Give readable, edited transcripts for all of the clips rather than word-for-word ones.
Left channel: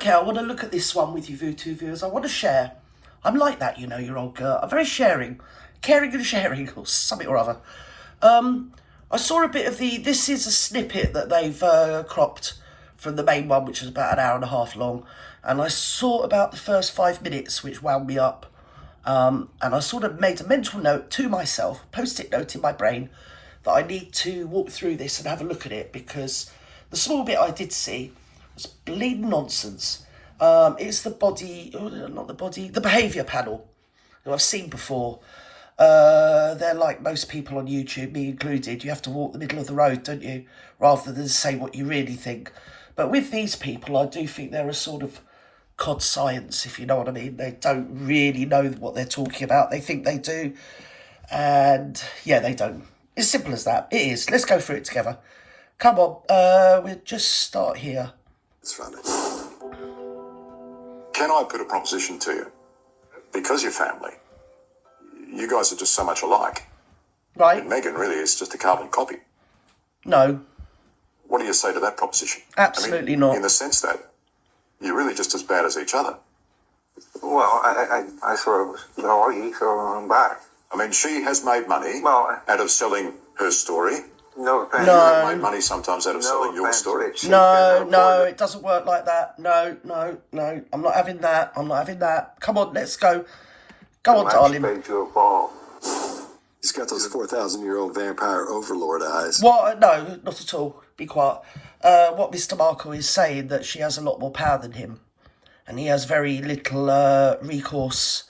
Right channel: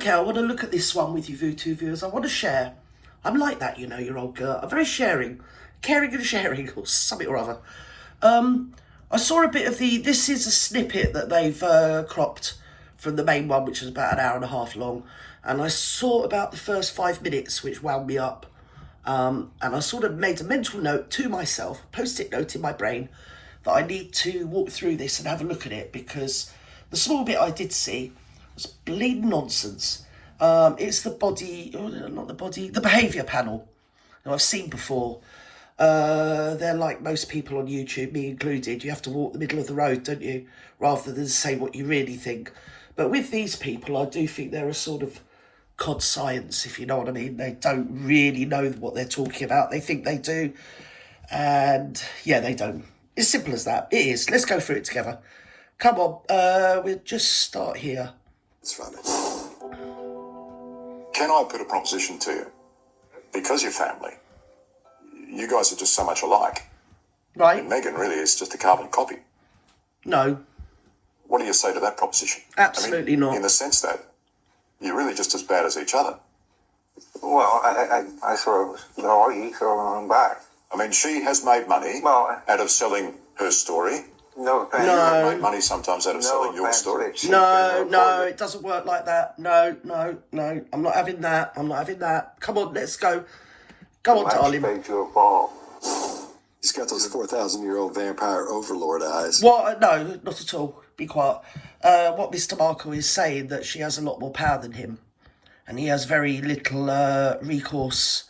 Okay, I want to look at this one with you two viewers. I want to share. I'm like that, you know, your old girl. I'm very sharing. Caring and sharing, or something or other. I saw a bit of this is a snippet that they've cropped from the main one, which is about an hour and a half long. And I saw about the first 5 minutes, which wound me up. And I sort of made a mental note to myself, post-it note in my brain, that I need to walk through this and have a look at it, because the small bit I did see was bleeding nonsense. It's the the behaviour panel, who I've seen before. They're like most people on YouTube, me included. You have to walk the middle of the road, don't you? Rather than say what you really think. But with these people, I do think they're a sort of cod science, if you know what I mean. They don't really know what they're talking about. They think they do. And yeah, they don't. It's simple as that. It is. Let's go through it together. Come on. We'll just start here. Let's run it. Can I put a proposition to you? Because you're family, you guys are just so much alike. Right. And Megan really is just a carbon copy. No. What do you say to that proposition? Absolutely not. In the sense that you're really just as bad as each other. Well, I sort of know you sort of back. I mean, she has made money out of selling her story. No, thanks. You have made money sometimes out of selling your story. No, it doesn't work like that. No. I'm not having that. Come on, let's go. Go on, darling. He's got those 4,000-year-old vampire overlord eyes. What? No, not at all. Be quiet. What Mr. Markle is saying, that she has a lot more power than him. And he has very little recourse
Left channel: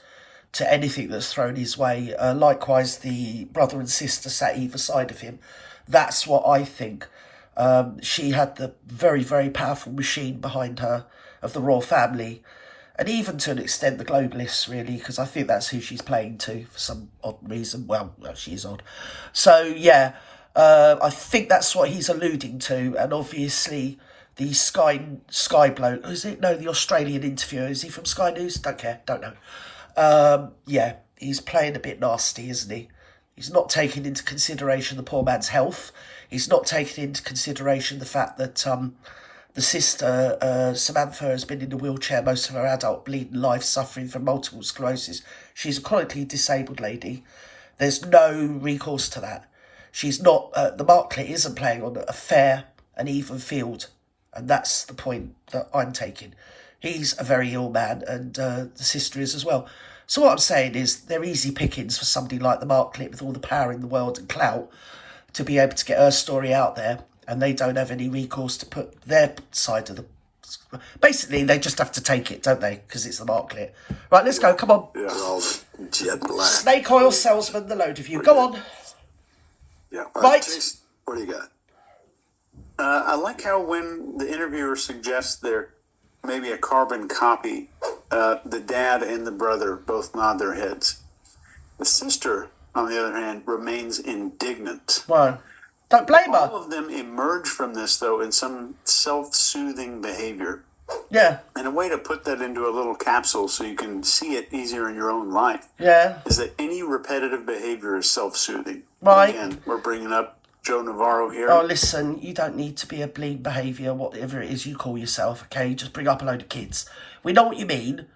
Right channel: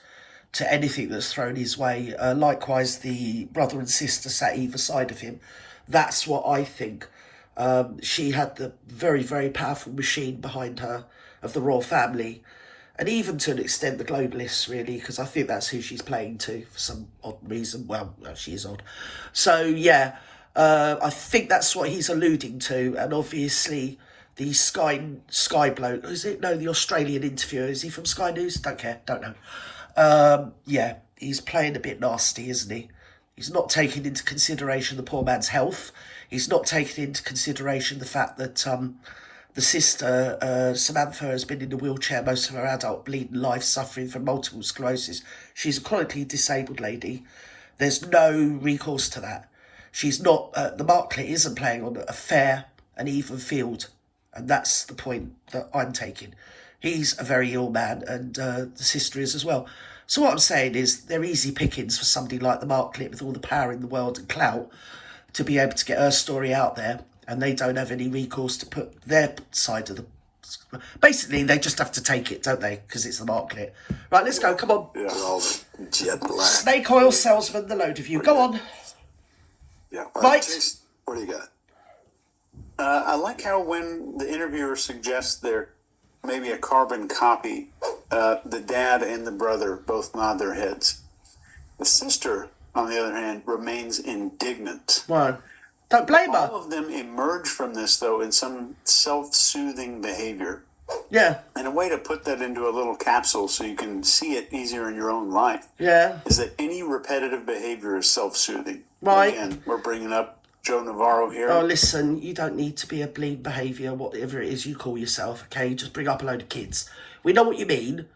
to anything that's thrown his way. Likewise, the brother and sister sat either side of him. That's what I think. She had the very, very powerful machine behind her of the royal family. And even to an extent, the globalists, really, because I think that's who she's playing to for some odd reason. Well, she is odd. So, yeah, I think that's what he's alluding to. And obviously, the Sky bloke, is it? No, the Australian interviewer. Is he from Sky News? Don't care, don't know. Yeah, he's playing a bit nasty, isn't he? He's not taking into consideration the poor man's health. He's not taking into consideration the fact that the sister, Samantha, has been in a wheelchair most of her adult bleeding life, suffering from multiple sclerosis. She's a chronically disabled lady. There's no recourse to that. She's not, the Marklet isn't playing on a fair and even field. And that's the point that I'm taking. He's a very ill man, and the sister is as well. So what I'm saying is they're easy pickings for somebody like the Marklet with all the power in the world and clout to be able to get her story out there. And they don't have any recourse to put their side of the... Basically, they just have to take it, don't they? Because it's the Marklet. Right, let's go. Come on. Yeah, all jet black. Snake oil salesman, the load of you. Go on. Yeah. Right. Jason, what do you got? I like how when the interviewer suggests they're maybe a carbon copy, the dad and the brother both nod their heads. The sister, on the other hand, remains indignant. Well, don't blame her. All of them emerge from this, though, in some self-soothing behavior. Yeah. And a way to put that into a little capsule so you can see it easier in your own life is that any repetitive behavior is self-soothing. Right. Again, we're bringing up Joe Navarro here. Oh, listen, you don't need to be a bleed behaviour, whatever it is you call yourself, okay? Just bring up a load of kids. We know what you mean.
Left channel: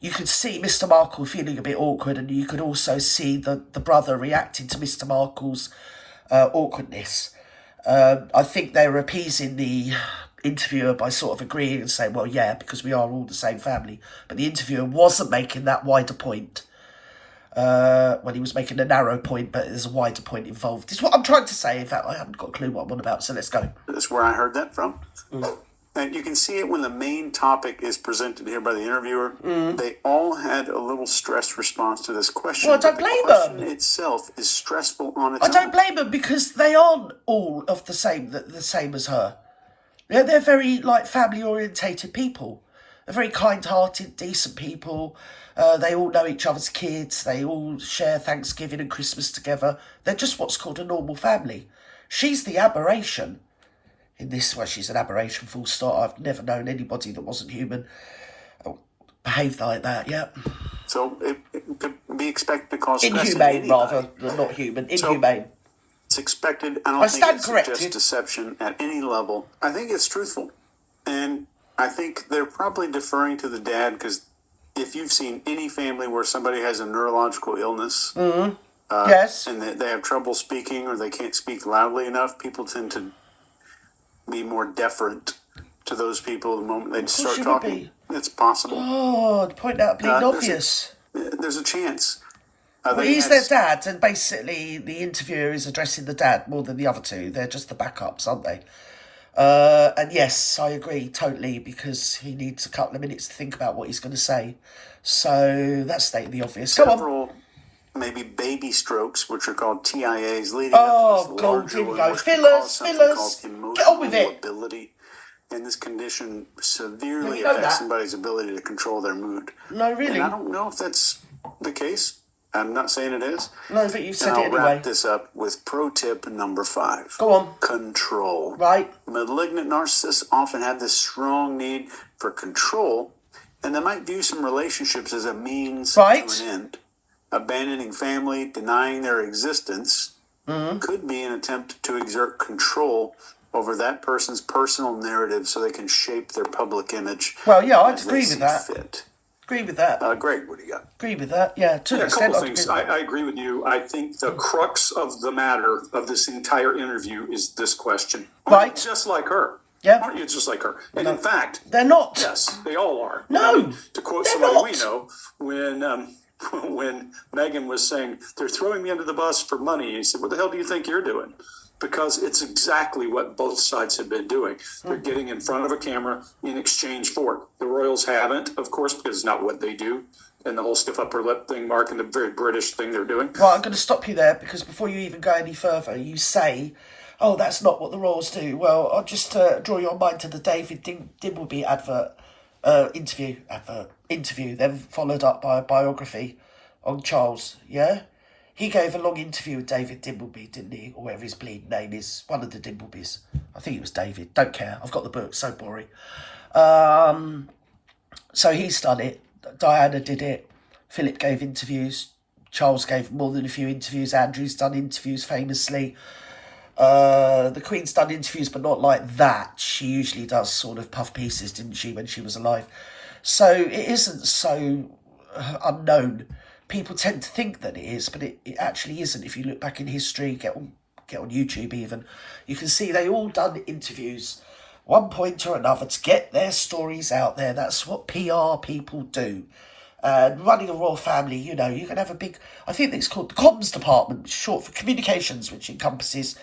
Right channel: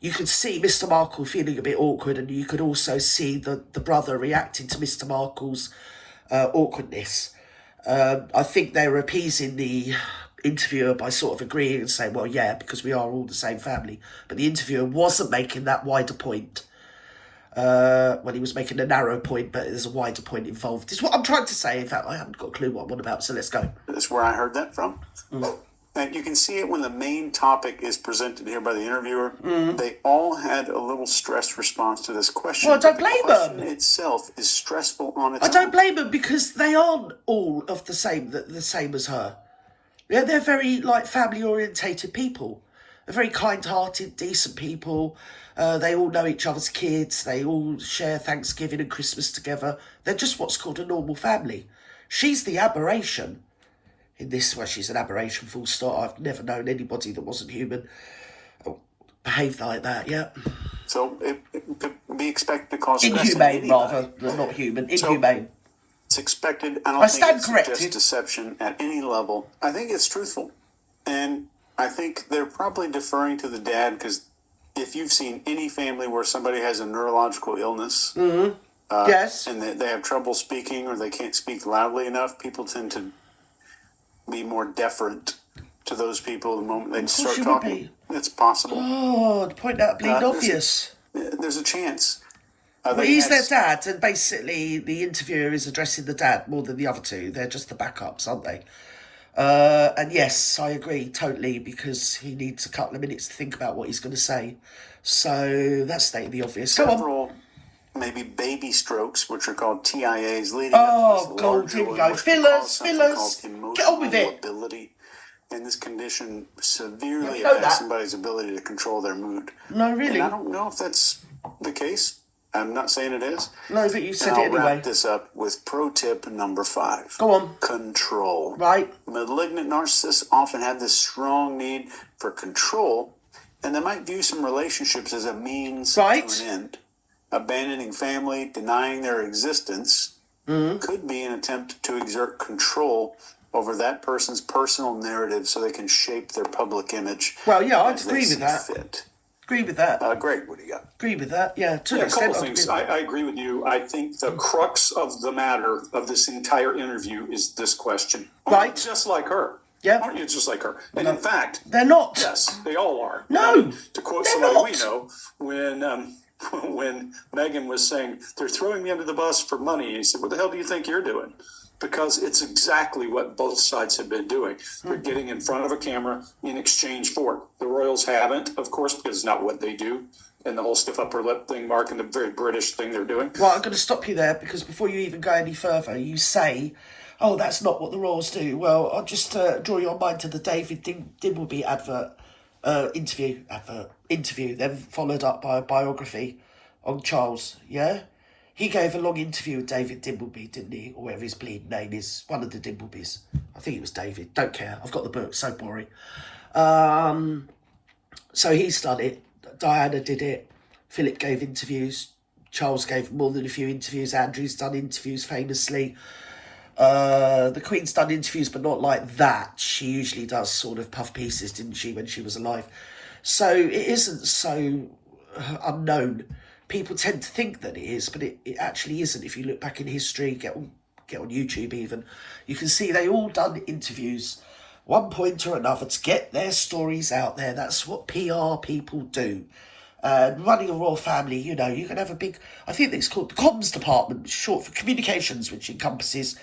You could see Mr. Markle feeling a bit awkward, and you could also see the brother reacting to Mr. Markle's awkwardness. I think they were appeasing the interviewer by sort of agreeing and saying, well, yeah, because we are all the same family. But the interviewer wasn't making that wider point. When he was making a narrow point, but there's a wider point involved. It's what I'm trying to say. In fact, I haven't got a clue what I'm on about, so let's go. That's where I heard that from. And you can see it when the main topic is presented here by the interviewer. They all had a little stress response to this question. Well, I don't blame them. The question itself is stressful on its own. I don't blame them, because they aren't all of the same as her. They're very, like, family-orientated people. They're very kind-hearted, decent people. They all know each other's kids. They all share Thanksgiving and Christmas together. They're just what's called a normal family. She's the aberration. In this way, she's an aberration, full stop. I've never known anybody that wasn't human behave like that, yeah. So it could be expected to cause stress. Inhumane, rather, than not human. Inhumane. It's expected. I don't think it corrected. suggests deception at any level. I think it's truthful. And I think they're probably deferring to the dad because if you've seen any family where somebody has a neurological illness Yes. and they have trouble speaking or they can't speak loudly enough, people tend to be more deferent to those people the moment they start you would talking. be. It's possible. God, point out bleeding there's obvious. There's a chance. Well, They he's had- their dad, and basically the interviewer is addressing the dad more than the other two. They're just the backups, aren't they? And yes, I agree totally, because he needs a couple of minutes to think about what he's going to say. So that's stating the obvious. Go on. several maybe baby strokes, which are called TIAs, leading up to this God, larger here we one, go. which can Fillers, cause something fillers. called Get on emotional with it. lability. And this condition severely You know affects that. somebody's ability to control their mood. No, really? And I don't know if that's the case. I'm not saying it is. No, but you said And it I'll anyway. wrap this up with pro tip number 5. Go on. Control. Right. Malignant narcissists often have this strong need for control, and they might view some relationships as a means Right. to an end. Abandoning family, denying their existence, could be an attempt to exert control over that person's personal narrative so they can shape their public image. Well, yeah, I'd as they agree with see that. fit. Agree with that. Greg, what do you got? Agree with that. Yeah, to Yeah, an a couple extent. of I'd things. agree with I agree with you. I think the crux of the matter of this entire interview is this question. Aren't Right. you just like her? Yeah. Aren't you just like her? And in fact, They're not. yes, they all are. No, I mean, to quote they're somebody not. we know, when Megan was saying, they're throwing me under the bus for money, he said, what the hell do you think you're doing? Because it's exactly what both sides have been doing. They're getting in front of a camera in exchange for it. The Royals haven't, of course, because it's not what they do. And the whole stiff upper lip thing, Mark, and the very British thing they're doing. Right, I'm going to stop you there, because before you even go any further, you say, oh, that's not what the Royals do. Well, I'll just draw your mind to the David Dimbleby interview, then followed up by a biography on Charles, yeah? He gave a long interview with David Dimbleby, didn't he? Or whatever his bleeding name is. One of the Dimblebys. I think it was David. Don't care. I've got the book. So boring. So he's done it. Diana did it. Philip gave interviews. Charles gave more than a few interviews. Andrew's done interviews famously. The Queen's done interviews, but not like that. She usually does sort of puff pieces, didn't she, when she was alive? So it isn't so unknown. People tend to think that it is, but it actually isn't. If you look back in history, get on YouTube even, you can see they all done interviews, one point or another, to get their stories out there. That's what PR people do. And running a royal family, you know, you can have a big, I think it's called the comms department, short for communications, which encompasses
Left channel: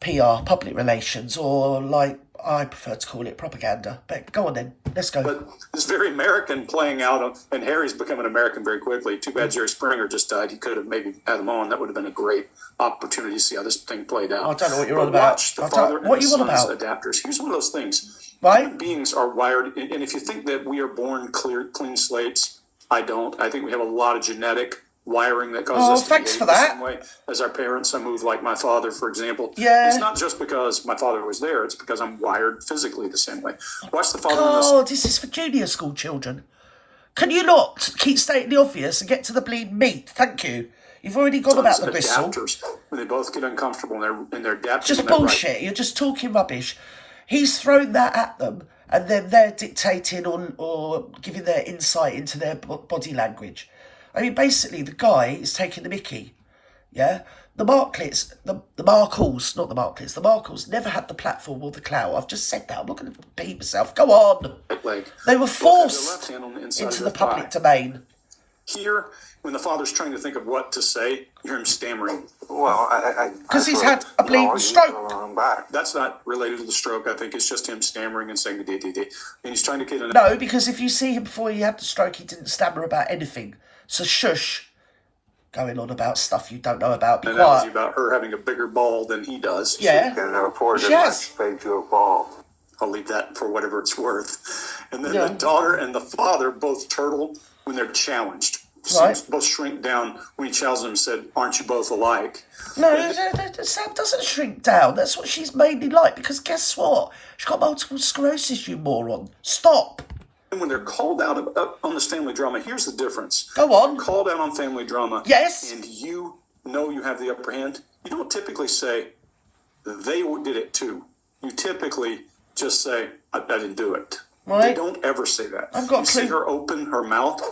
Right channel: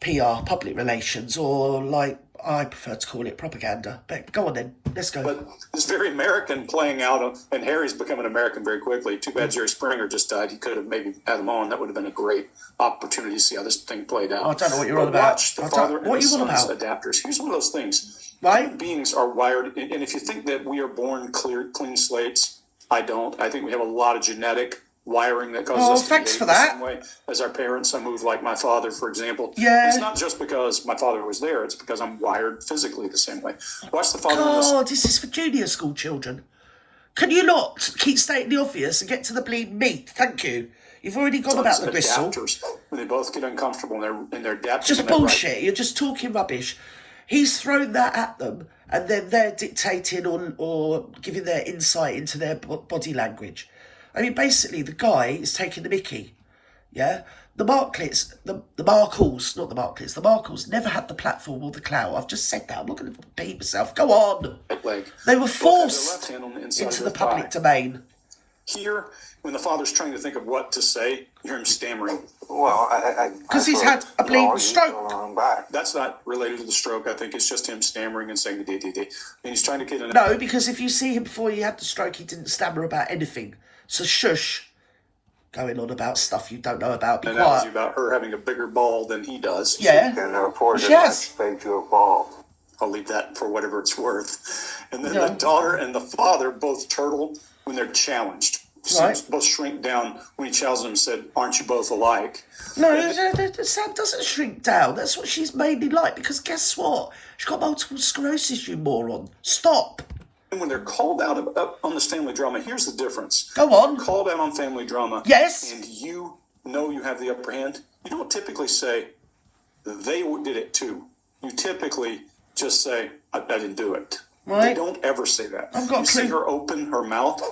PR, public relations, or like I prefer to call it propaganda. But go on then, let's go. But it's very American playing out, and Harry's becoming American very quickly. Too bad Jerry Springer just died. He could have maybe had him on. That would have been a great opportunity to see how this thing played out. I don't know what you're But on about. Watch the I don't- father and what the you on son's about? adapters. Here's one of those things. Right. Human beings are wired, and if you think that we are born clean slates, I don't. I think we have a lot of genetic wiring that causes Oh, us to thanks behave for the that. same way as our parents. I move like my father, for example. Yeah. It's not just because my father was there. It's because I'm wired physically the same way. Watch the father and the God, this is for junior school children. Can you not keep stating the obvious and get to the bleeding meat? Thank you. You've already gone about the gristle. adapters. When they both get uncomfortable and they're adapting. Just in that right- bullshit. You're just talking rubbish. He's thrown that at them, and then they're dictating or giving their insight into their body language. I mean, basically, the guy is taking the mickey. Yeah? The Markles, the Markles never had the platform or the clout. I've just said that. I'm not going to repeat myself. Go on. right leg. They were Both have their forced left hand on the inside into of the their public thigh. domain. Here, when the father's trying to think of what to say, you hear him stammering. Well, Because he's had a bleeding stroke. I'm back. That's not related to the stroke. I think it's just him stammering and saying the d. And he's trying to get an No, because if you see him before he had the stroke, he didn't stammer about anything. So shush. Going on about stuff you don't know about. Be analogy quiet. about her having a bigger ball than he does. Yeah. And reported She my has. spade to a ball. I'll leave that for whatever it's worth. And then Yeah. the daughter and the father both turtle when they're challenged. Right. Both shrink down when he challenges them and said, aren't you both alike? No, Sam doesn't shrink down. That's what she's mainly like. Because guess what? She's got multiple sclerosis, you moron. Stop. And when they're called out on this family drama, here's the difference. Go on. Called out on family drama. Yes. And you know you have the upper hand. You don't typically say, they did it too. You typically just say, I didn't do it. Right. They don't ever say that. I've got you a see clue. her open her mouth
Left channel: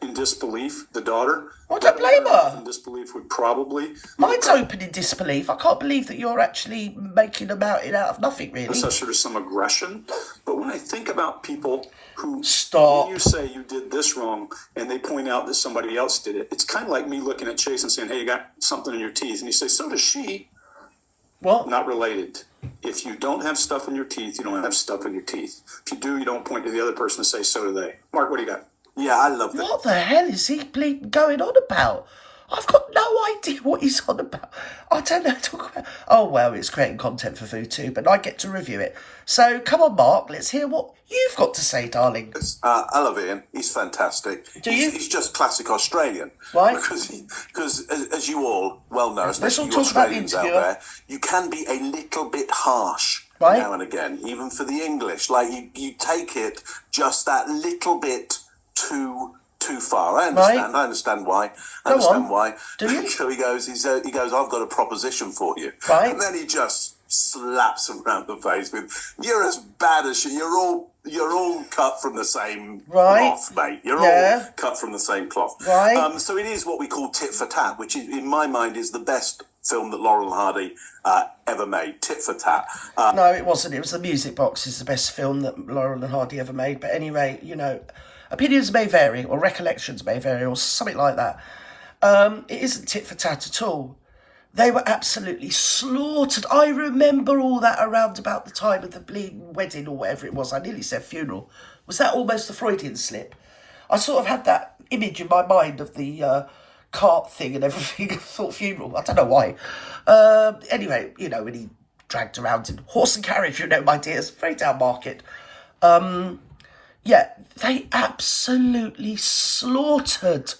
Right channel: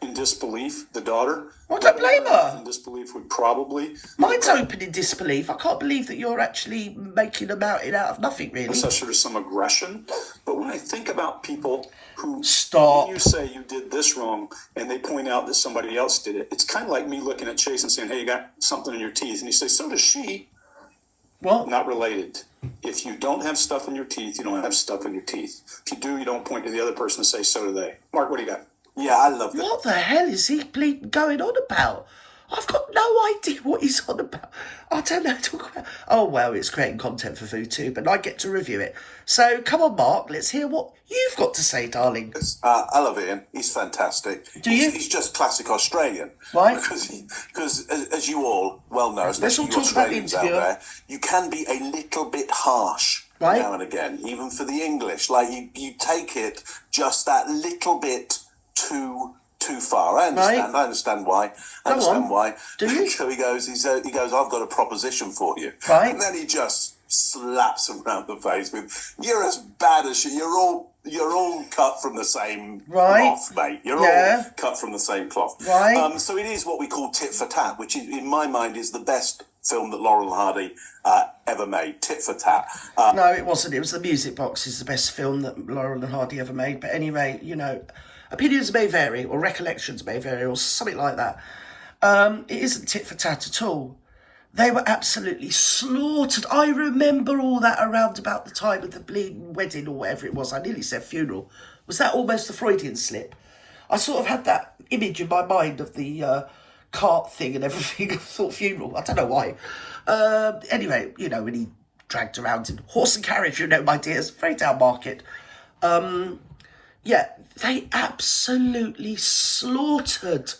in disbelief, the daughter. I don't blame her. In disbelief would probably... Mine's open in disbelief. I can't believe that you're actually making a mountain out of nothing, really. Assess her to some aggression. But when I think about people who... Stop. When you say you did this wrong and they point out that somebody else did it, it's kind of like me looking at Chase and saying, hey, you got something in your teeth. And you say, so does she. What? Not related. If you don't have stuff in your teeth, you don't have stuff in your teeth. If you do, you don't point to the other person and say, so do they. Mark, what do you got? Yeah, I love that. What the hell is he bleeding going on about? I've got no idea what he's on about. I don't know what to talk about. Oh, well, it's creating content for food too, but I get to review it. So, come on, Mark, let's hear what you've got to say, darling. I love Ian. He's fantastic. Do you? He's just classic Australian. Right. Because as you all well know, especially all you talk about the Australians out interviewer. there, you can be a little bit harsh Right. now and again, even for the English. Like, you take it just that little bit too far. I understand. Right. I understand why. I Go understand on. why. Do you? So he goes, I've got a proposition for you. Right. And then he just slaps him round the face with, you're as bad as you. You're all cut from the same Right. cloth, mate. You're Yeah. all cut from the same cloth. Right. So it is what we call tit for tat, which is, in my mind, is the best film that Laurel and Hardy ever made. Tit for tat. No, it wasn't. It was The Music Box is the best film that Laurel and Hardy ever made. But anyway, you know, opinions may vary, or recollections may vary, or something like that. It isn't tit for tat at all. They were absolutely slaughtered. I remember all that around about the time of the bleeding wedding or whatever it was. I nearly said funeral. Was that almost a Freudian slip? I sort of had that image in my mind of the cart thing and everything. I thought funeral. I don't know why. Anyway, you know, when he dragged around in horse and carriage, you know, my dears, very down market. Yeah, they absolutely slaughtered.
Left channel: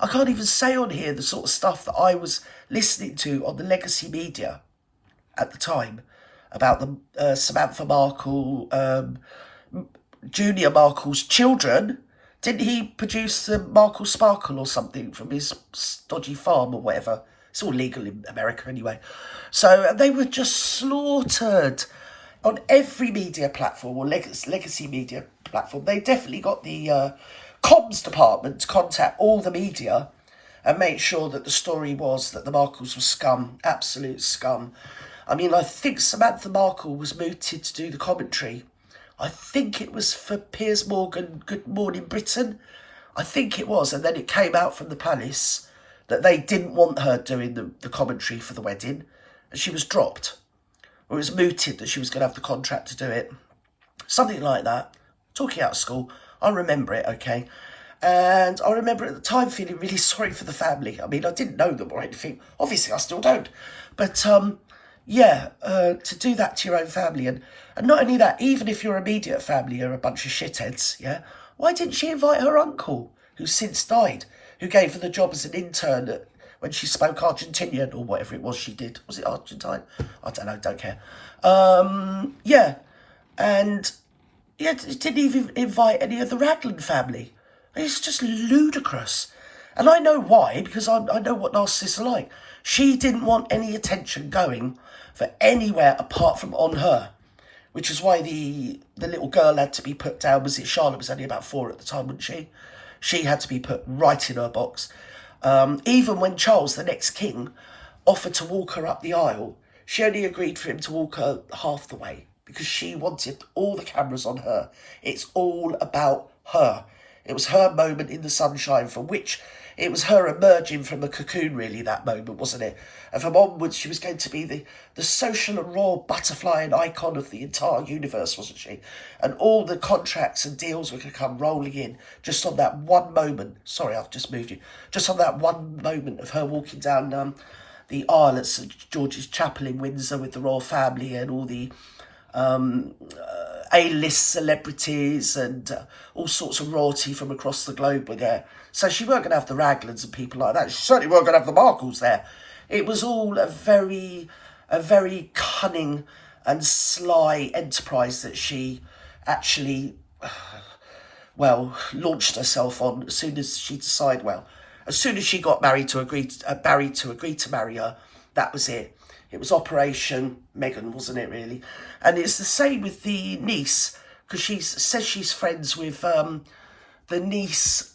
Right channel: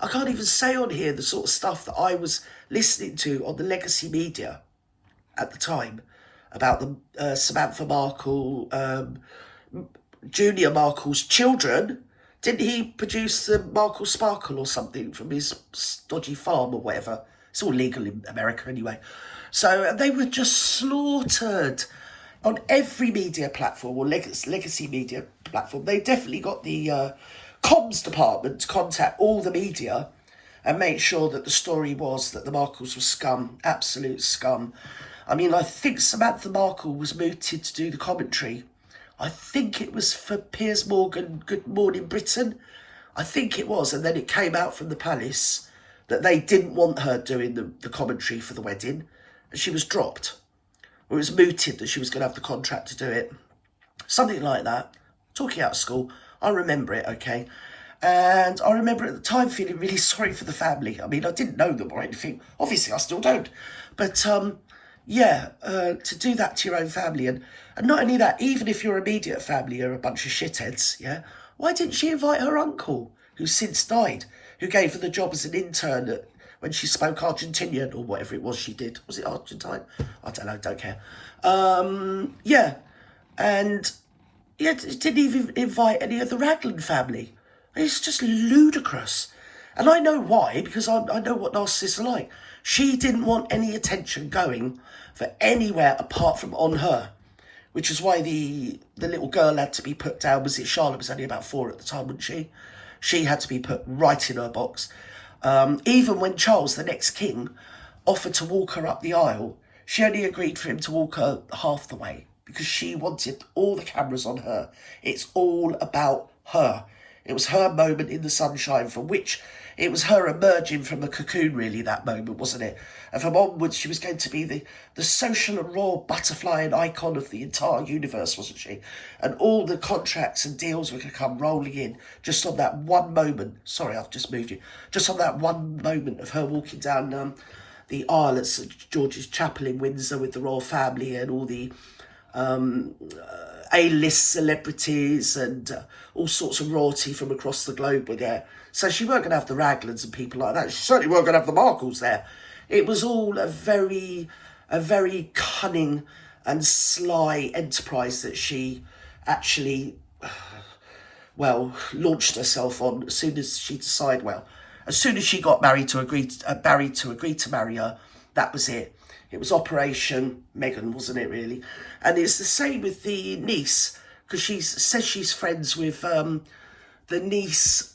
I can't even say on here the sort of stuff that I was listening to on the legacy media at the time about the Samantha Markle, Junior Markle's children. Didn't he produce the Markle Sparkle or something from his dodgy farm or whatever? It's all legal in America anyway. So they were just slaughtered on every media platform or legacy media platform. They definitely got the comms department to contact all the media and make sure that the story was that the Markles were scum, absolute scum. I mean, I think Samantha Markle was mooted to do the commentary. I think it was for Piers Morgan, Good Morning Britain. I think it was. And then it came out from the palace that they didn't want her doing the commentary for the wedding. And she was dropped. Or it was mooted that she was going to have the contract to do it. Something like that. Talking out of school. I remember it, okay? And I remember at the time feeling really sorry for the family. I mean, I didn't know them or anything. Obviously, I still don't. But, to do that to your own family. And not only that, even if your immediate family are a bunch of shitheads, yeah? Why didn't she invite her uncle, who's since died, who gave her the job as an intern when she spoke Argentinian or whatever it was she did? Was it Argentine? I don't know, don't care. And didn't even invite any of the Raglan family. It's just ludicrous. And I know why, because I know what narcissists are like. She didn't want any attention going for anywhere apart from on her, which is why the little girl had to be put down. Was it Charlotte was only about 4 at the time, wasn't she? She had to be put right in her box. Even when Charles, the next king, offered to walk her up the aisle, she only agreed for him to walk her half the way because she wanted all the cameras on her. It's all about her. It was her moment in the sunshine, for which it was her emerging from a cocoon, really, that moment, wasn't it? And from onwards, she was going to be the social and royal butterfly and icon of the entire universe, wasn't she? And all the contracts and deals were going to come rolling in just on that one moment. Sorry, I've just moved you. Just on that one moment of her walking down the aisle at St George's Chapel in Windsor with the royal family and all the A-list celebrities and all sorts of royalty from across the globe were there. So she weren't going to have the Raglans and people like that. She certainly weren't going to have the Markles there. It was all a very cunning and sly enterprise that she actually, launched herself on as soon as she decided, as soon as she got Barry to agree to marry her, that was it. It was Operation Meghan, wasn't it, really? And it's the same with the niece, because she says she's friends with the niece,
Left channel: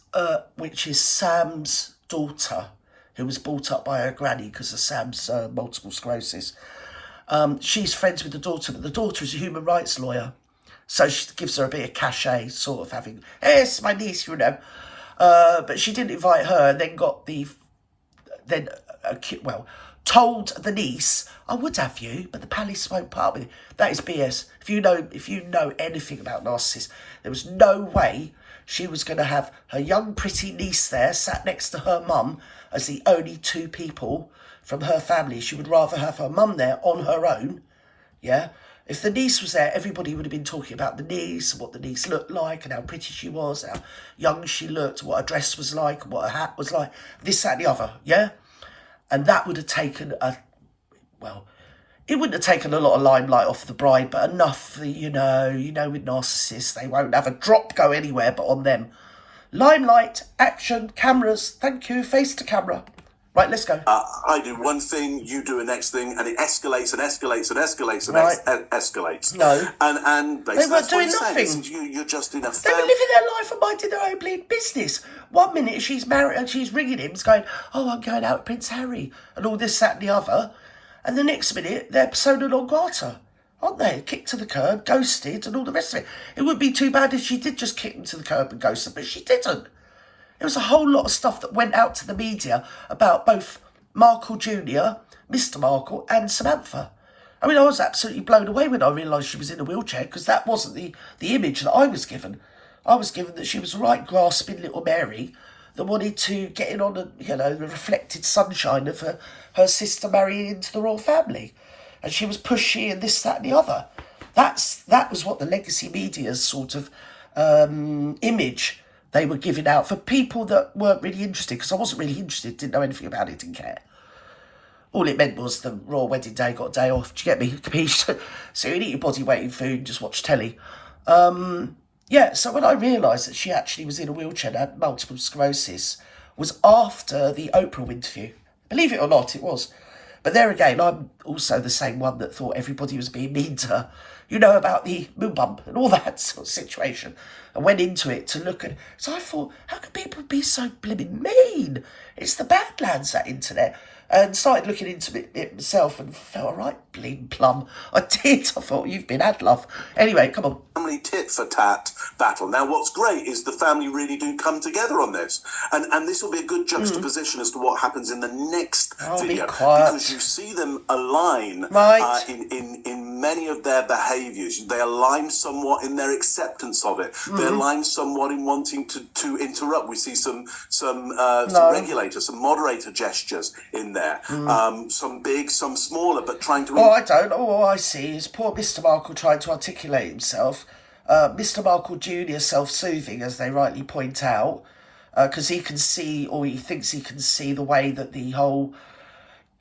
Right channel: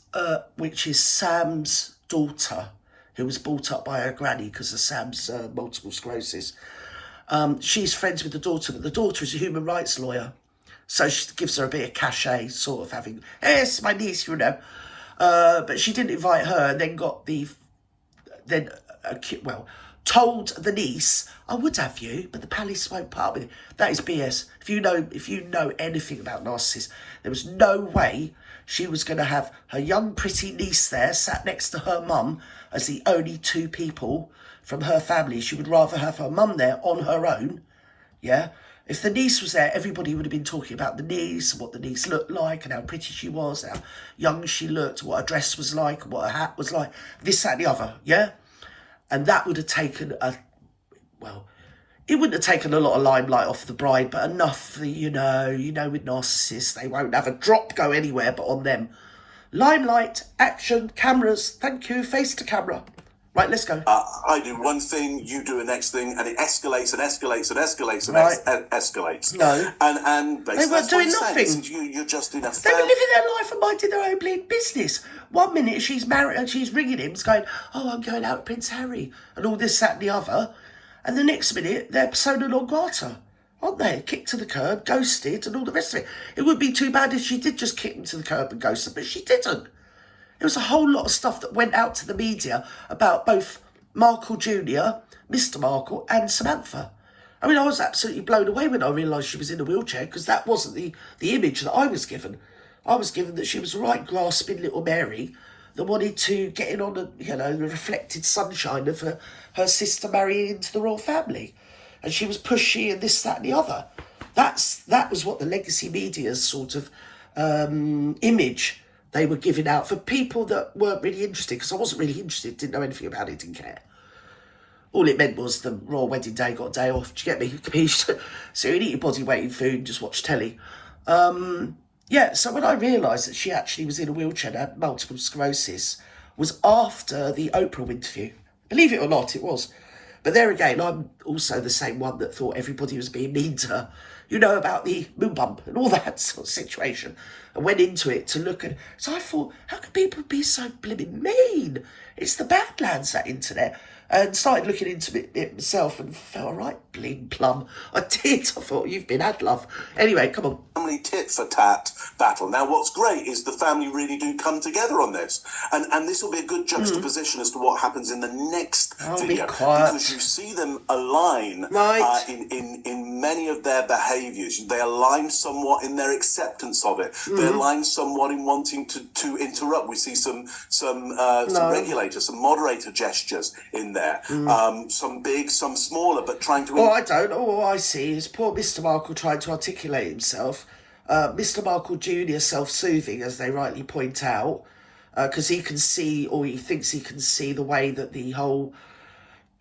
which is Sam's daughter, who was brought up by her granny because of Sam's multiple sclerosis. She's friends with the daughter, but the daughter is a human rights lawyer. So she gives her a bit of cachet, sort of having, hey, it's my niece, you know. But she didn't invite her, and then told the niece, I would have you, but the palace won't part with you. That is BS. If you know anything about narcissists, there was no way she was going to have her young, pretty niece there, sat next to her mum, as the only two people from her family. She would rather have her mum there on her own, yeah? If the niece was there, everybody would have been talking about the niece, and what the niece looked like, and how pretty she was, how young she looked, what her dress was like, what her hat was like, this, that, and the other, yeah? And that would have taken it wouldn't have taken a lot of limelight off the bride, but enough that, you know, with narcissists, they won't have a drop go anywhere but on them. Limelight, action, cameras, thank you, face to camera. Right, let's go. I do one thing, you do a next thing, and it escalates and escalates and escalates and Right. Escalates. No. And basically, They weren't that's what doing he's saying. nothing. He says, You're just in a They were family. living their life and minding their own bleeding business. 1 minute she's married and she's ringing him, going, oh, I'm going out with Prince Harry, and all this, that, and the other. And the next minute, they're persona non grata, aren't they? Kicked to the curb, ghosted, and all the rest of it. It would be too bad if she did just kick them to the curb and ghost them, but she didn't. There was a whole lot of stuff that went out to the media about both Markle Jr., Mr. Markle, and Samantha. I mean, I was absolutely blown away when I realised she was in a wheelchair, because that wasn't the image that I was given. I was given that she was a right grasping little Mary that wanted to get in on the reflected sunshine of her sister marrying into the royal family. And she was pushy and this, that, and the other. That was what the legacy media's sort of image they were giving out for people that weren't really interested, because I wasn't really interested, didn't know anything about it, didn't care. All it meant was the royal wedding day, got a day off. Do you get me? Capisce? So you eat your body weight in food and just watch telly. So when I realised that she actually was in a wheelchair and had multiple sclerosis, was after the Oprah interview. Believe it or not, it was. But there again, I'm also the same one that thought everybody was being mean to her. You know about the moon bump and all that sort of situation. I went into it to look at... So I thought, how can people be so blimmin' mean? It's the Badlands, that internet. And started looking into it myself and felt, all right, bling plum. I did. I thought, you've been had, love. Anyway, come on. Family tit for tat battle. Now, what's great is the family really do come together on this, and this will be a good juxtaposition as to what happens in the next video, because you see them align Right. in many of their behaviours. They align somewhat in their acceptance of it. They align somewhat in wanting to interrupt. We see some regulator, some moderator gestures in there. Some big, some smaller, but trying to. Oh, I don't. All I see is poor Mr. Markle trying to articulate himself. Mr. Markle Jr. self-soothing, as they rightly point out, because he can see, or he thinks he can see, the way that the whole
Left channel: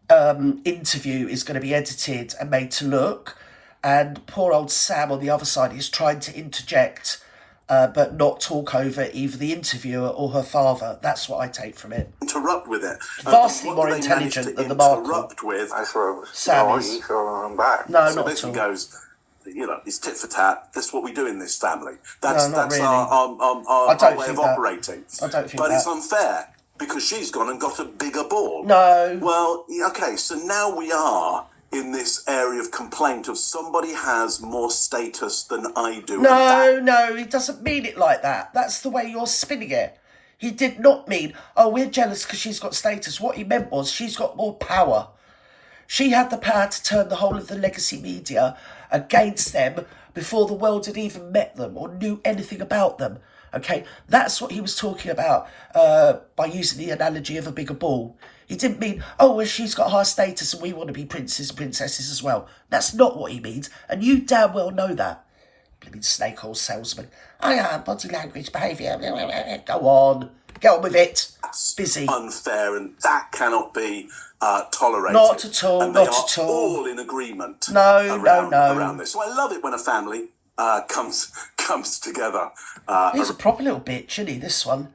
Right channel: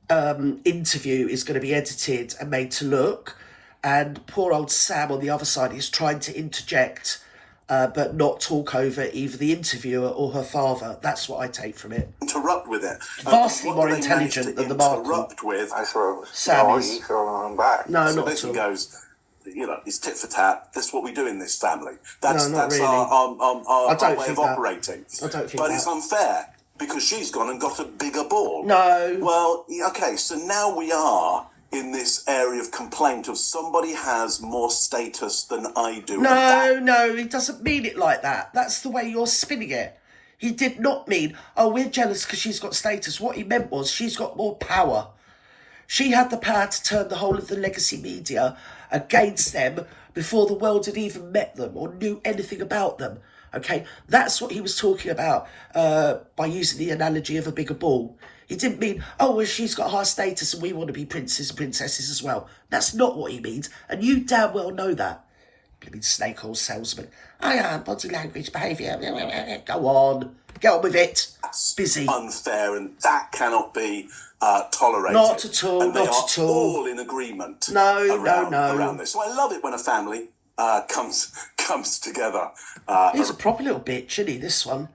interview is going to be edited and made to look. And poor old Sam on the other side is trying to interject, but not talk over either the interviewer or her father. That's what I take from it. Interrupt with it. Vastly What more do they manage intelligent to than the Markle. interrupt with. I sort of Sam know is. you, so I'm back. No, So not at basically all. goes, it's tit for tat. That's what we do in this family. That's No, not that's really. our don't way think of that. operating. I don't think But it's that. unfair because she's gone and got a bigger ball. No. Well, okay, so now we are in this area of complaint of somebody has more status than I do. No, he doesn't mean it like that. That's the way you're spinning it. He did not mean, oh, we're jealous because she's got status. What he meant was she's got more power. She had the power to turn the whole of the legacy media against them before the world had even met them or knew anything about them. Okay, that's what he was talking about by using the analogy of a bigger ball. He didn't mean, oh, well, she's got high status and we want to be princes and princesses as well. That's not what he means, and you damn well know that. Blimmin' snake oil salesman. I am body language, behaviour. Go on. Get on with it. That's busy. Unfair, and that cannot be tolerated. Not at all, And they not are at all. all in agreement No. around this. So I love it when a family comes together. He's a proper little bitch, isn't he, this one?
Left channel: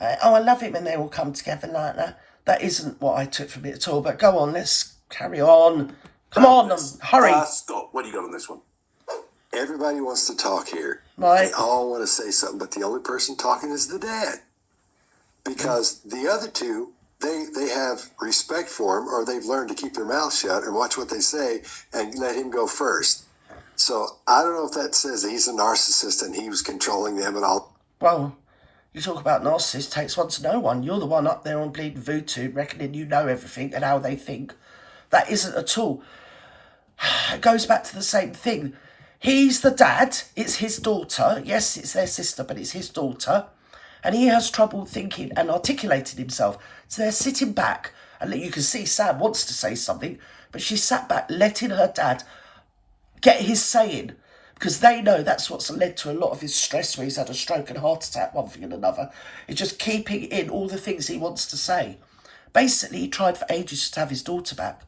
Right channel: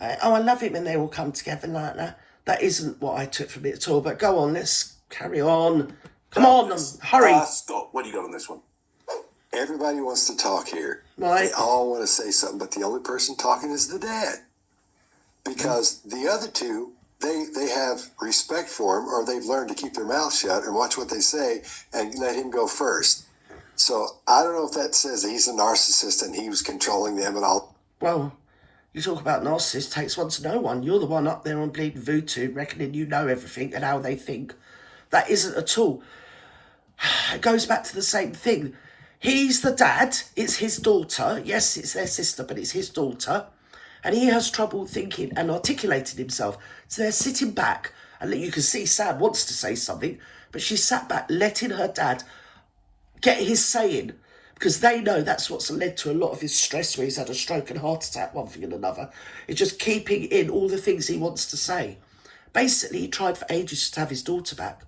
I love it when they all come together like that. That isn't what I took from it at all, but go on, let's carry on. Come on, hurry. Scott, what do you got on this one? everybody wants to talk here. Right. They all want to say something, but the only person talking is the dad. Because the other two, they have respect for him, or they've learned to keep their mouth shut and watch what they say and let him go first. So I don't know if that says that he's a narcissist and he was controlling them and all. Well, you talk about narcissists, takes one to know one. You're the one up there on bleeding voodoo, reckoning you know everything and how they think. That isn't at all. It goes back to the same thing. He's the dad, it's his daughter. Yes, it's their sister, but it's his daughter. And he has trouble thinking and articulating himself. So they're sitting back, and you can see Sam wants to say something, but she sat back, letting her dad get his saying, because they know that's what's led to a lot of his stress, where he's had a stroke and heart attack, one thing and another. It's just keeping in all the things he wants to say. Basically, he tried for ages to have his daughter back.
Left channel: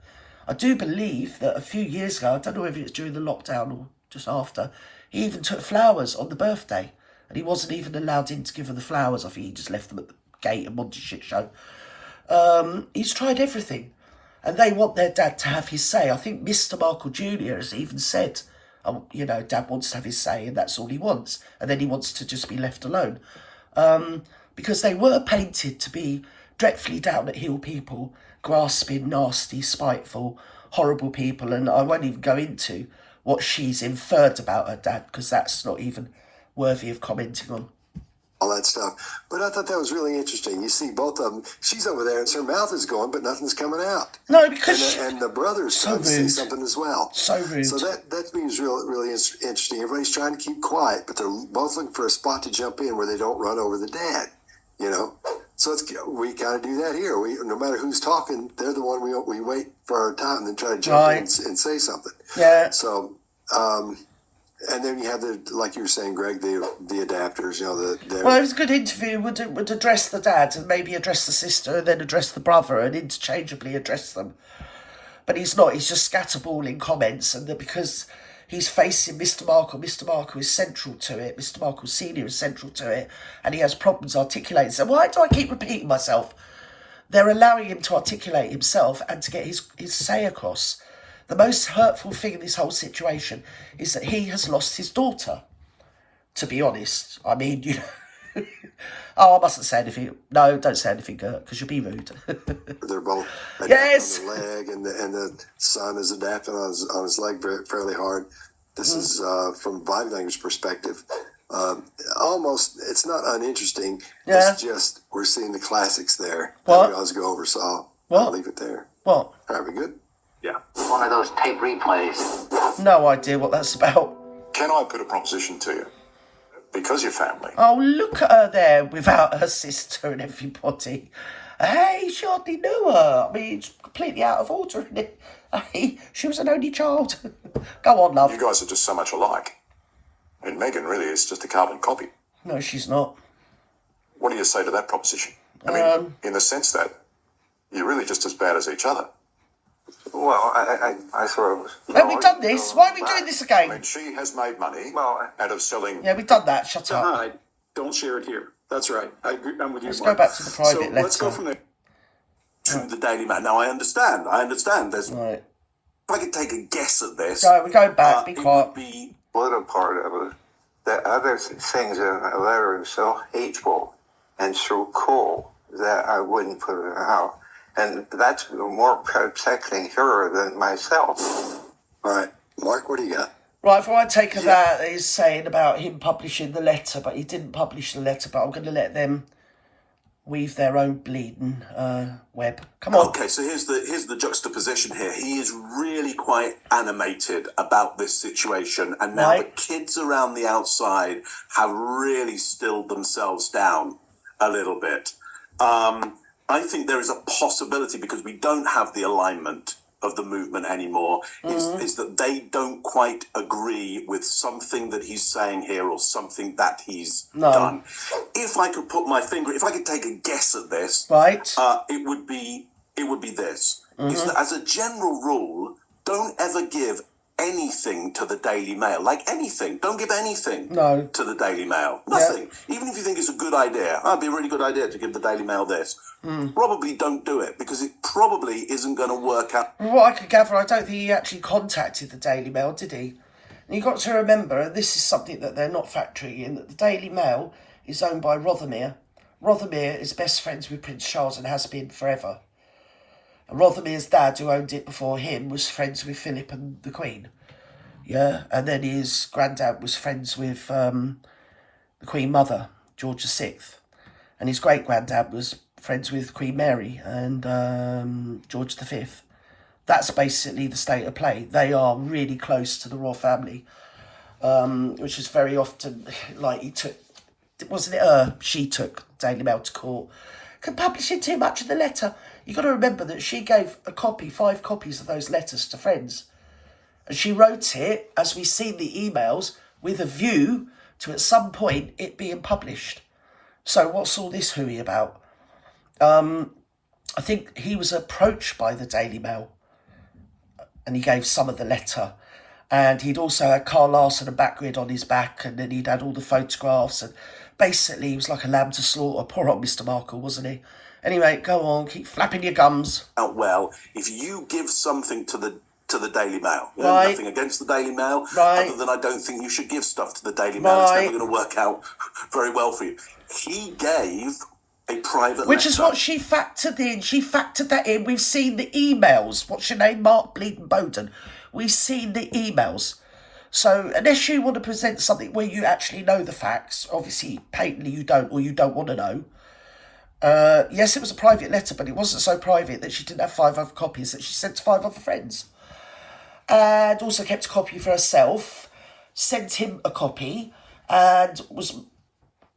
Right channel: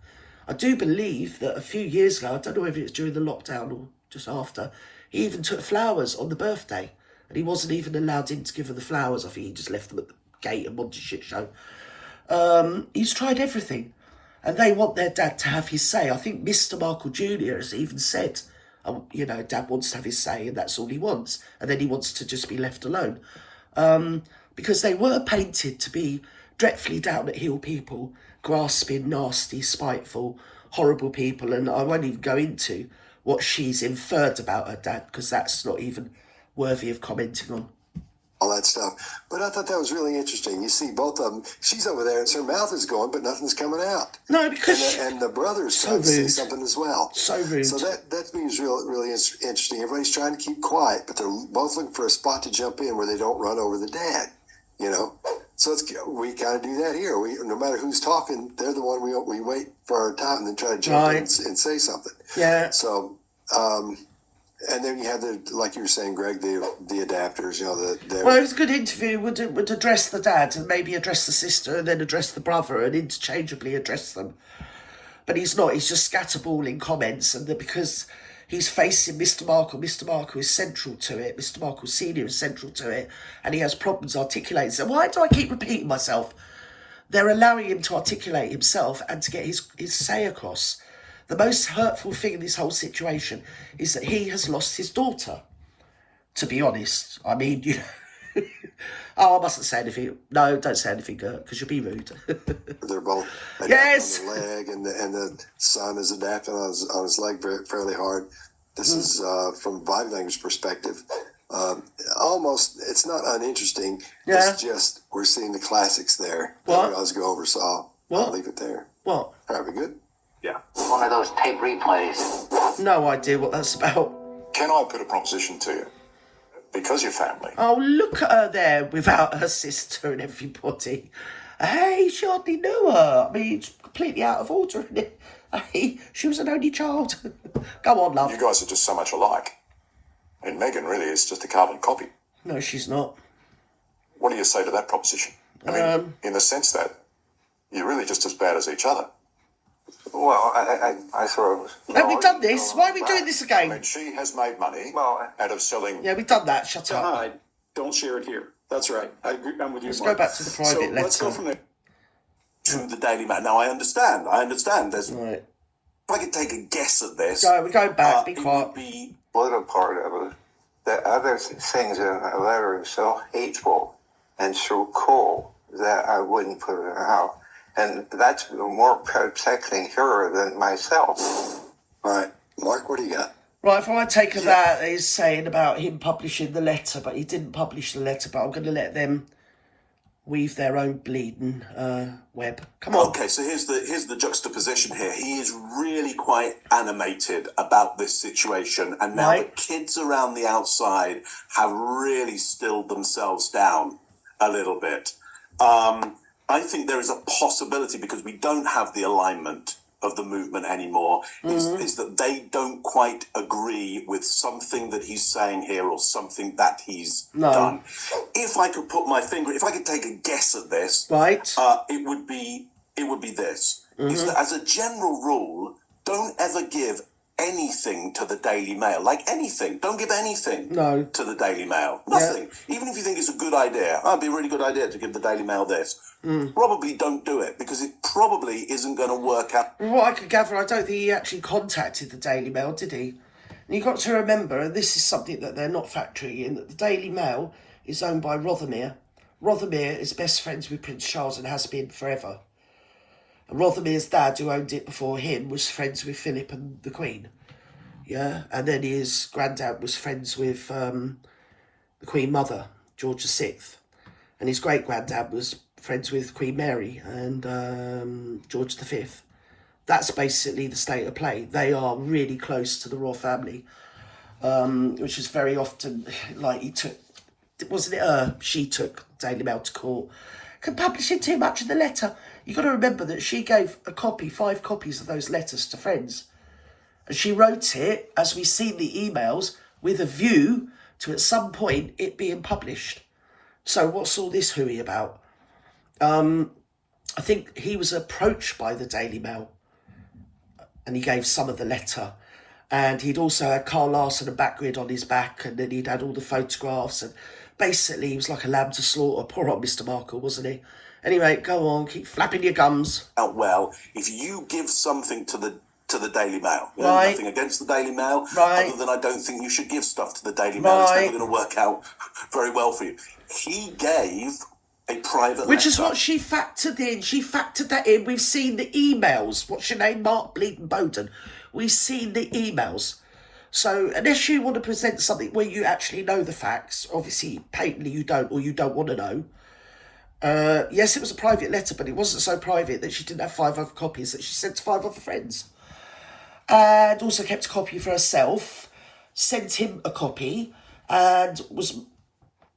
I do believe that a few years ago, I don't know whether it's during the lockdown or just after, he even took flowers on the birthday, and he wasn't even allowed in to give her the flowers. I think he just left them at the gate and wanted a shit show. He's tried everything, and they want their dad to have his say. I think Mr. Markle Jr. has even said, you know, Dad wants to have his say, and that's all he wants, and then he wants to just be left alone. Because they were painted to be dreadfully down-at-heel people, grasping, nasty, spiteful, horrible people, and I won't even go into what she's inferred about her dad, because that's not even worthy of commenting on. All that stuff. But I thought that was really interesting. You see both of them. She's over there, and her mouth is going, but nothing's coming out. No, because... And the brother's trying to say something as well. So rude. So that means really interesting. Everybody's trying to keep quiet, but they're both looking for a spot to jump in where they don't run over the dad, you know? So we kind of do that here. No matter who's talking, they're the one we wait for our time and then try to jump in and say something. Yeah. So... and then you have like you were saying, Greg, the adapters, you know, well, it was a good interview. Would address the dad and maybe address the sister and then address the brother and interchangeably address them. But he's not. He's just scatterballing comments, and because he's facing Mr. Markle is central to it. Mr. Markle Senior is central to it, and he has problems articulating. So why do I keep repeating myself? They're allowing him to articulate himself and to get his say across. The most hurtful thing in this whole situation is that he has lost his daughter, to be honest. I mean, you know... Oh, I mustn't say anything. No, don't say anything, Gert, because you'll be rude. They're both yes! on the leg, and the son is adapting on his leg fairly hard. This is, from a body language perspective, almost, it's not uninteresting. Yeah. It's just, we're seeing the classics there. What? That we always go over, so I'll leave it there. What? All right, we good? Yeah. One of those tape replays. No idea what that's about. Can I put a proposition to you? Because you're family. Oh, look at her there without her sister and everybody. Hey, she hardly knew her. I mean, it's completely out of order, isn't it? Hey, she was an only child. Go on, love. You guys are just so much alike. And Megan really is just a carbon copy. No, she's not. What do you say to that proposition? I mean, in the sense that you're really just as bad as each other. Well, I sort of... Have we done this? Why are we doing this I again? mean, she has made money Well, out of selling... Yeah, we've done that. Shut up. Don't share it here. That's right. I agree. I'm with you, Let's Mark. go back to the private So letter. let's go from there. To the Daily Mail. Now, I understand. There's... Right. If I could take a guess at this... We're going back. Be it quiet. would be... little part of it. The other things in a letter are so hateful and so cold that I wouldn't put it out. And that's more protecting her than myself. All right, Mark, what do you got? Right, if I take that, he's saying about him publishing the letter, but he didn't publish the letter, but I'm going to let them weave their own bleeding web. Come on. Okay, so here's the juxtaposition here. He is really quite animated about this situation, and now Right. the kids around the outside have really stilled themselves down a little bit. I think there is a possibility, because we don't have the alignment of the movement anymore, is that they don't quite agree with something that he's saying here or something that he's done. If I could put my finger, if I could take a guess at this, Right. it would be this. Is that, as a general rule, don't ever give anything to the Daily Mail. Like anything. Don't give anything to the Daily Mail. Nothing. Even if you think it's a good idea. It'd be a really good idea to give the Daily Mail this. Probably don't do it, because it probably isn't going to work out. From what I could gather, I don't think he actually contacted the Daily Mail, did he? And you've got to remember, and this is something that they're not factoring in, that the Daily Mail is owned by Rothermere. Rothermere is best friends with Prince Charles and has been forever. And Rothermere's dad, who owned it before him, was friends with Philip and the Queen. Yeah, and then his granddad was friends with the Queen Mother, George VI. And his great-granddad was friends with Queen Mary and George V. That's basically the state of play. They are really close to the royal family, which is very often, like, she took Daily Mail to court. Publishing too much of the letter. You've got to remember that she gave 5 copies of those letters to friends. And she wrote it, as we've seen the emails, with a view to at some point it being published. So what's all this hooey about? I think he was approached by the Daily Mail and he gave some of the letter. And he'd also had Carl Larson and Backgrid on his back, and then he'd had all the photographs, and basically he was like a lamb to slaughter. Poor old Mr. Markle, wasn't he? Anyway, go on, keep flapping your gums. Well, if you give something to the Daily Mail, you know, Right. nothing against the Daily Mail, Right. other than I don't think you should give stuff to the Daily Mail. It's Right. never going to work out very well for you. He gave a private Which letter. is what she factored in. She factored that in. We've seen the emails. What's your name? Mark Bleedon Bowden. We've seen the emails. So unless you want to present something where you actually know the facts, obviously patently you don't, or you don't want to know. Yes, it was a private letter, but it wasn't so private that she didn't have 5 other copies that she sent to 5 other friends. And also kept a copy for herself, sent him a copy, and was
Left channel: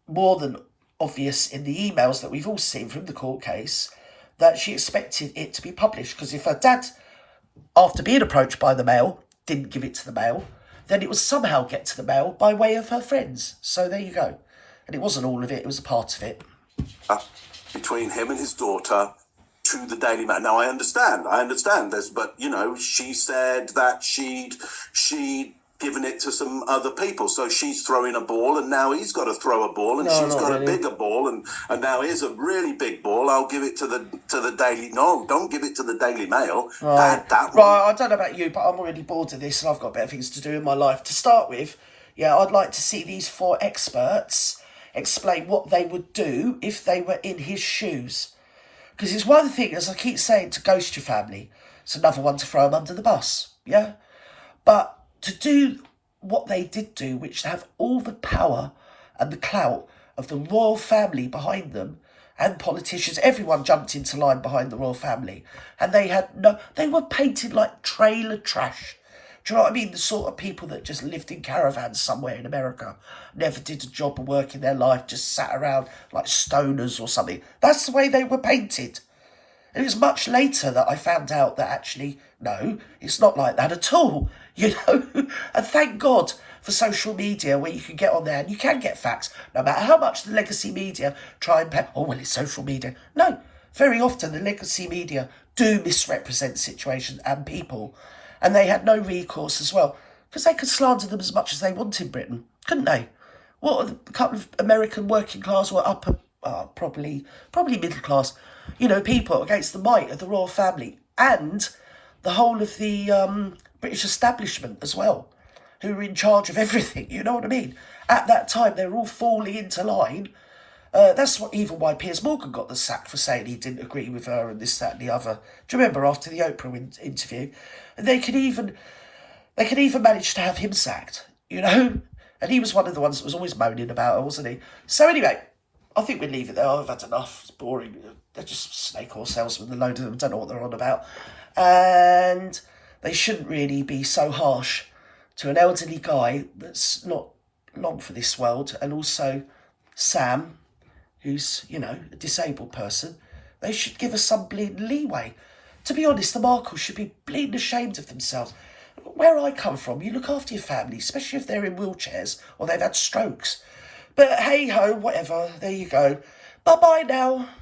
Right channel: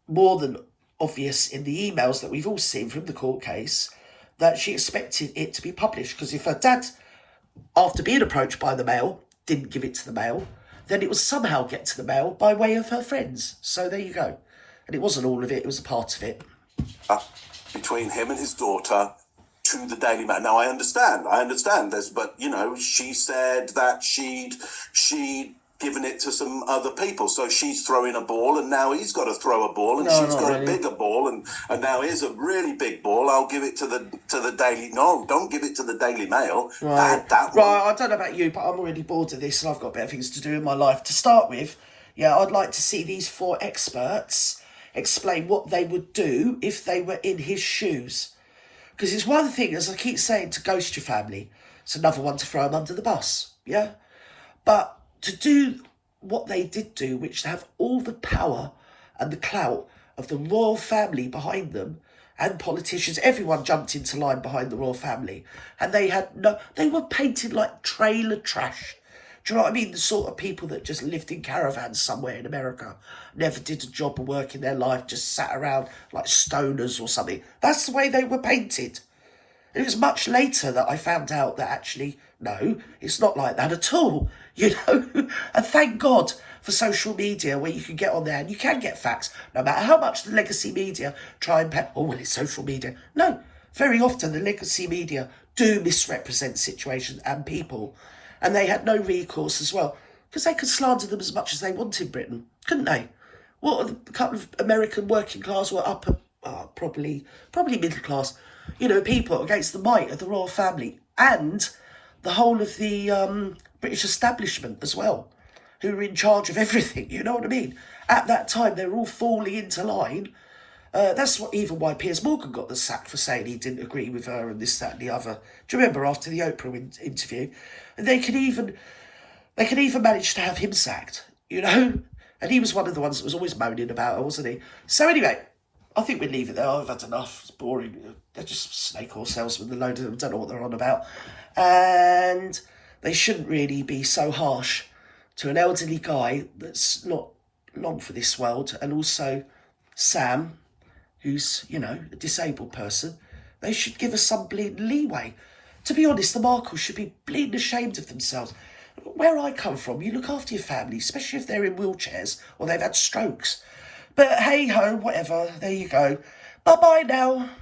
more than obvious in the emails that we've all seen from the court case that she expected it to be published. Because if her dad, after being approached by the Mail, didn't give it to the Mail, then it would somehow get to the Mail by way of her friends. So there you go. And it wasn't all of it, it was a part of it. Between him and his daughter to the Daily Mail. Now, I understand this, but, you know, she said that she'd given it to some other people, so she's throwing a ball, and now he's got to throw a ball, and No, she's not got really. a bigger ball, and now here's a really big ball. I'll give it to the Daily. No, don't give it to the Daily Mail. Right. That one. Right, I don't know about you, but I'm already bored of this and I've got better things to do in my life. To start with, yeah, I'd like to see these 4 experts explain what they would do if they were in his shoes. Because it's one thing, as I keep saying, to ghost your family. It's another one to throw them under the bus, yeah? But to do what they did do, which to have all the power and the clout of the royal family behind them, and politicians, everyone jumped into line behind the royal family. And they were painted like trailer trash. Do you know what I mean? The sort of people that just lived in caravans somewhere in America, never did a job or work in their life, just sat around like stoners or something. That's the way they were painted. It was much later that I found out that actually, no, it's not like that at all, you know? And thank God for social media, where you can get on there and you can get facts, no matter how much the legacy media try and oh, well, it's social media. No, very often the legacy media do misrepresent situations and people, and they had no recourse as well, because they could slander them as much as they want in Britain, couldn't they? What, a couple of American working class were probably middle class, you know, people against the might of the royal family and the whole of the British establishment as well, who were in charge of everything, you know what I mean? At that time, they were all falling into line. That's why Piers Morgan got the sack for saying he didn't agree with her and this, that and the other. Do you remember after the Oprah interview? And they could even manage to have him sacked, you know? And he was one of the ones that was always moaning about her, wasn't he? So anyway, I think we'll leave it there. I've had enough. It's boring. They're just snake oil salesmen, a load of them. Don't know what they're on about. And they shouldn't really be so harsh to an elderly guy that's not long for this world. And also Sam, who's, you know, a disabled person. They should give us some bleeding leeway. To be honest, the Markles should be bleeding ashamed of themselves. Where I come from, you look after your family, especially if they're in wheelchairs or they've had strokes. But hey-ho, whatever, there you go. Bye-bye now.